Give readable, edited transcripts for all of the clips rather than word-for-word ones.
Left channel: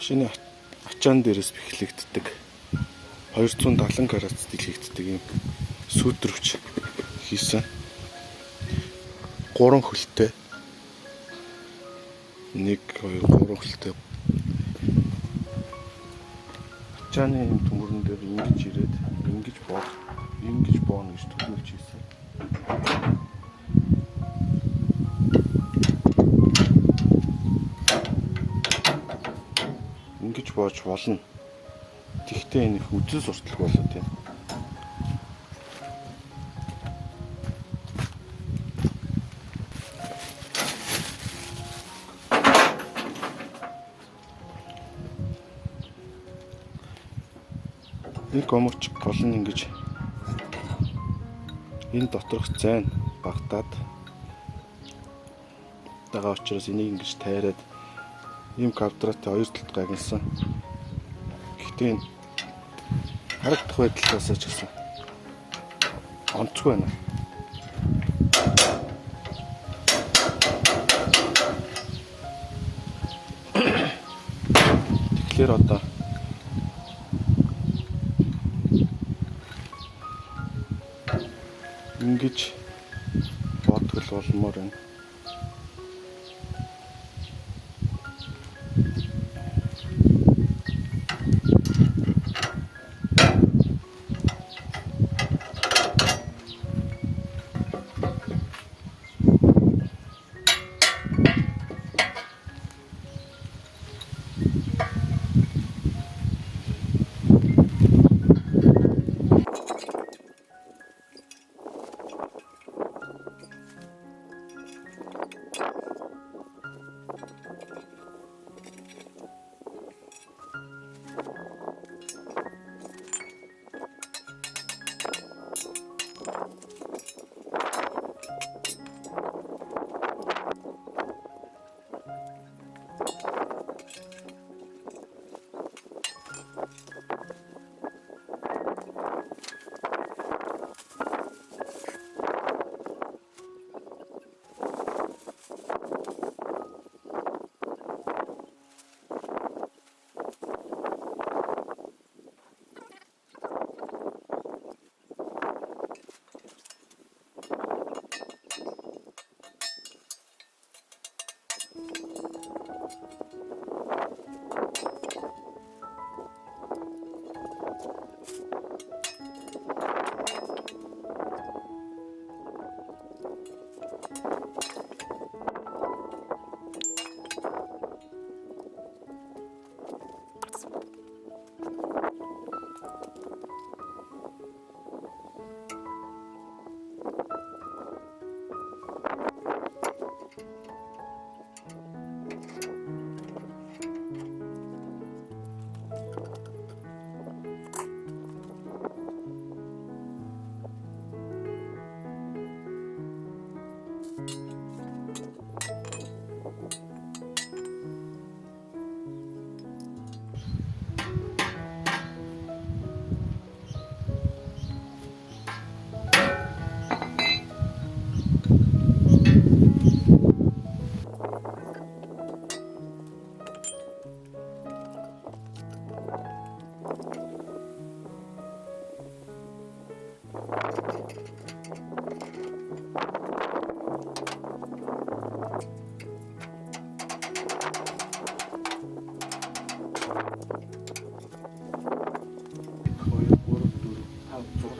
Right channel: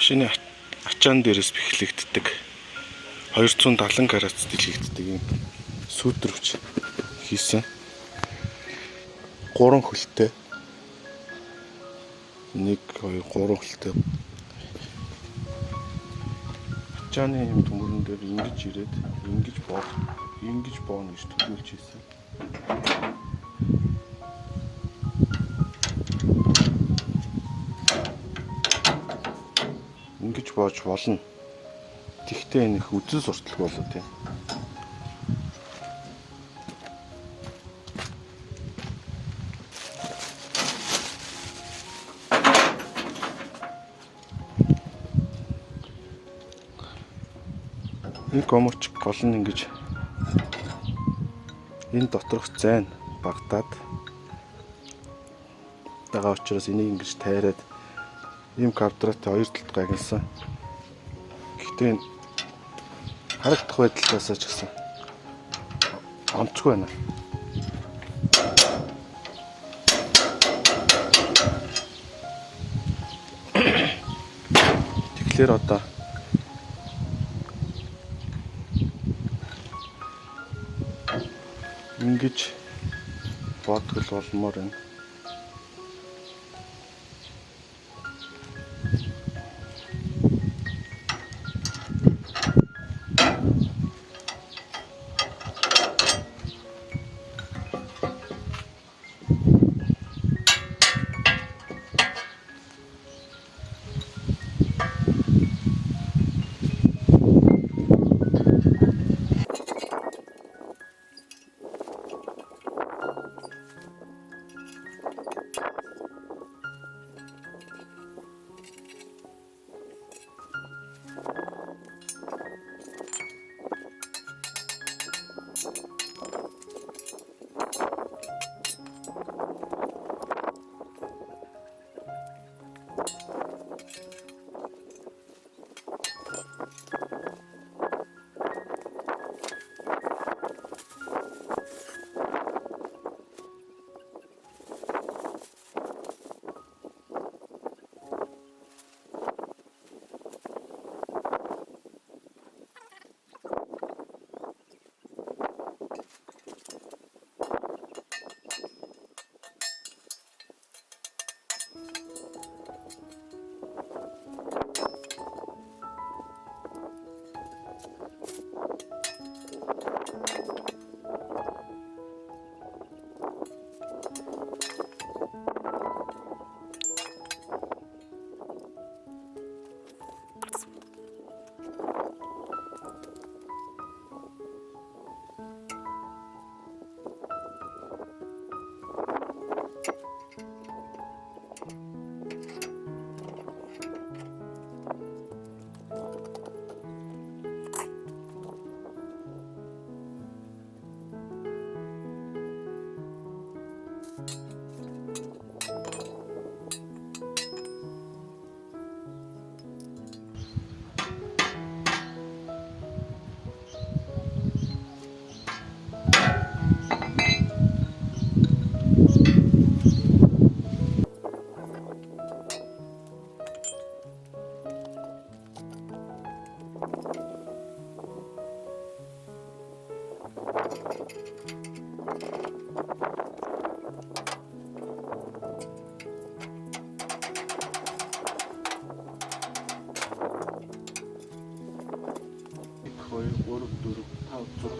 Машины ачаан дээрээс бэхлэгддэг 270 градус дэлгэгддэг юм сүүдрэвч хийсэн 3 хөлтэй 1 2 3 хөлтэй ачааны юм төмөрөн дээр ингэж ирээд ингэж бооно гэж төлөвлөж хийсэн. Ингэж боож болно. Тэгтээ энэ их үзэл сурталг болоо тийм. Энэ гомч гол нь ингэж энэ доторх зайн багтаад байгаа учраас энийг ингэж тайраад ийм квадраттай хоёр талд гагнасан. Гэхдээ энэ харагдах байдлаасаа ч гэсэн онцгүй байна. Тэгэхээр одоо ингэж бодгол болмоор байна.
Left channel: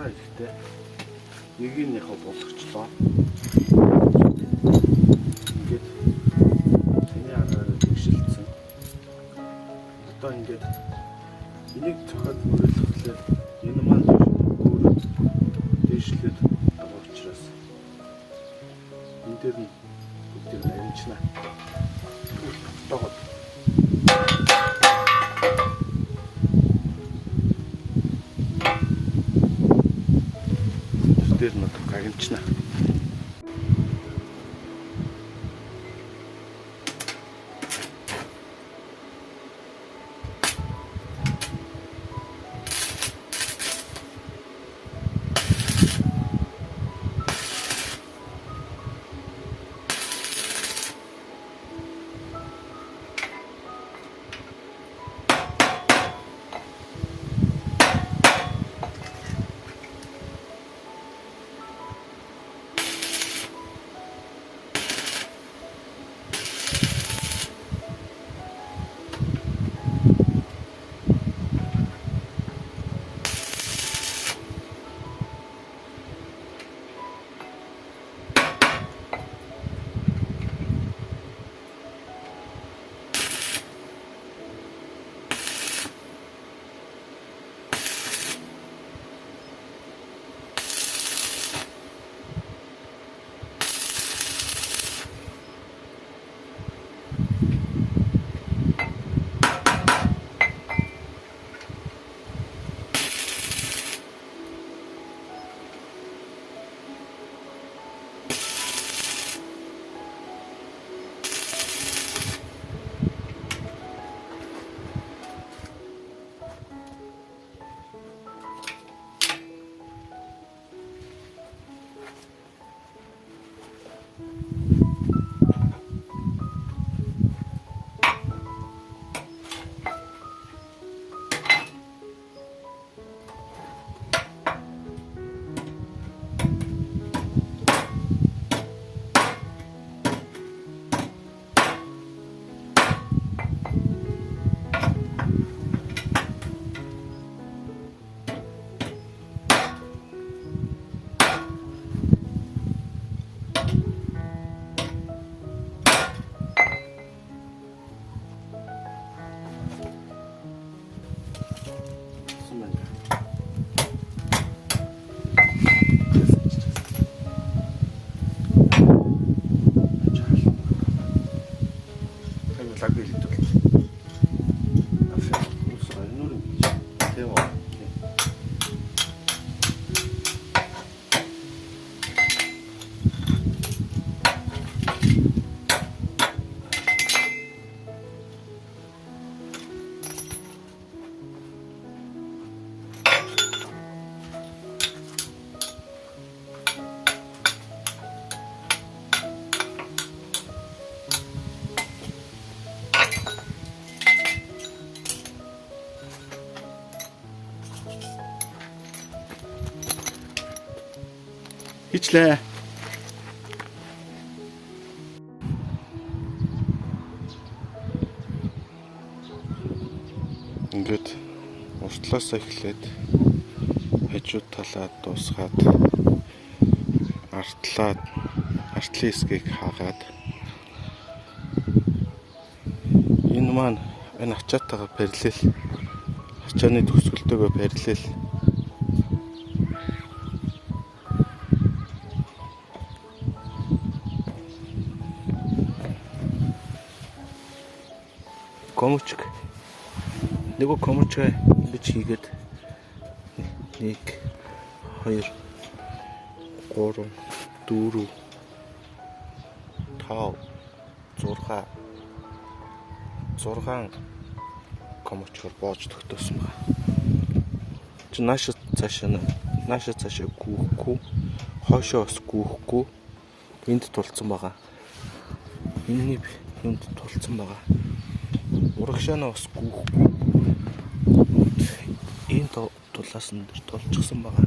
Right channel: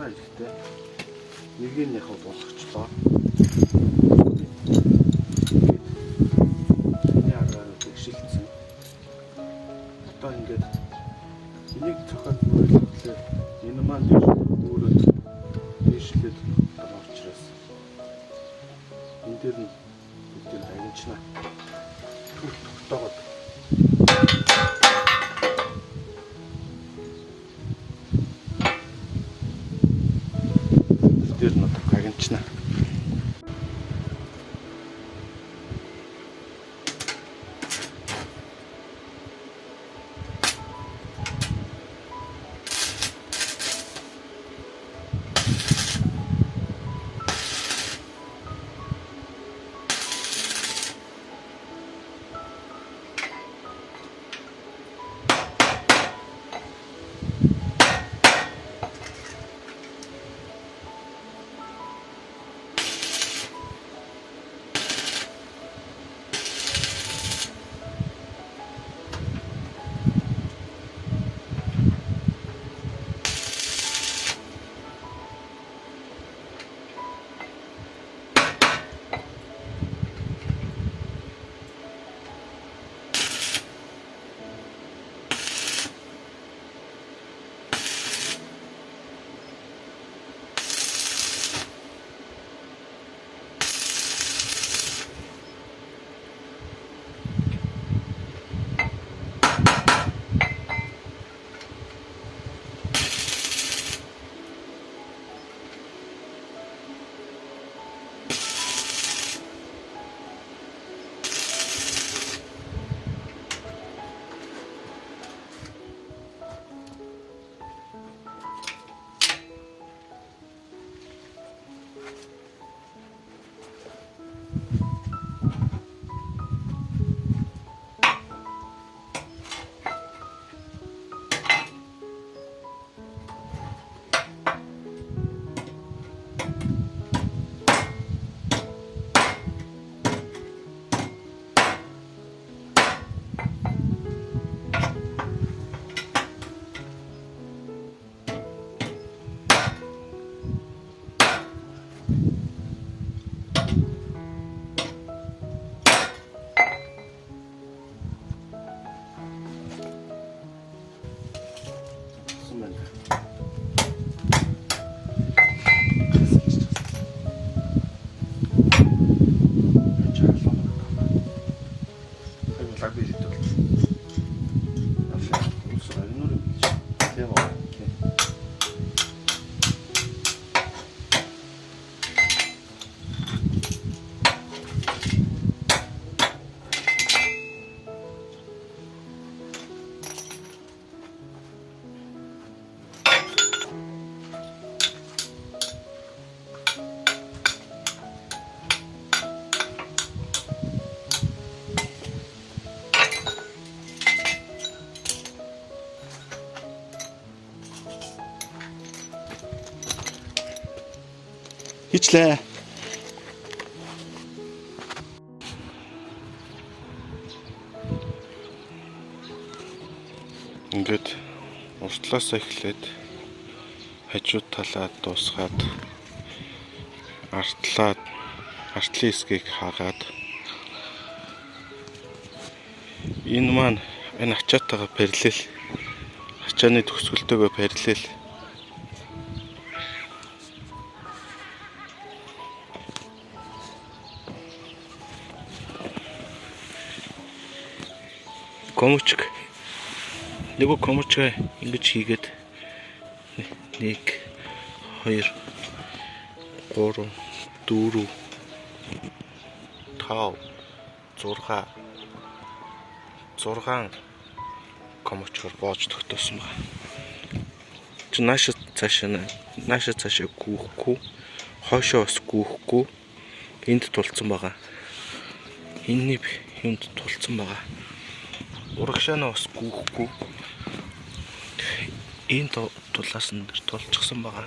Ихтэй нэг нь яг болгочлоо. Тэгээд тэний аргаар тэгшилсэн. Одоо ингээд энийг цохоод мөрөлдөглөөр энэ маань өөрөө дэвшлээд байгаа учраас энэ дээр нь бүгдийг амжина. Тогтоогод дээр нь гагнчна. тулсан байна. Лаг бэлдэл. Усаа энүүр юм гэж. Тийм үү? Хийчлээ. Ингээд уртлаасаа эхлээд хажуу талаа дуусгаад артлын хэсгийг хаагаад энэ маань энэ ачаатайгаа параллел ачааны төгсгөлтөөгөө параллел комочг нэг комочг ингэж хийгээд 1 2 3 4 5 6 комочгоор боож тогтоосон байна. Чи наашаа цаашаа гүйхгүй, хойшоо бас гүйхгүй энд тулцсан байгаа. Энэний юмд тулцсан байгаа. Урагшаанаа бас гүйхгүй. Энэ тулаас нь тулчихсан байгаа.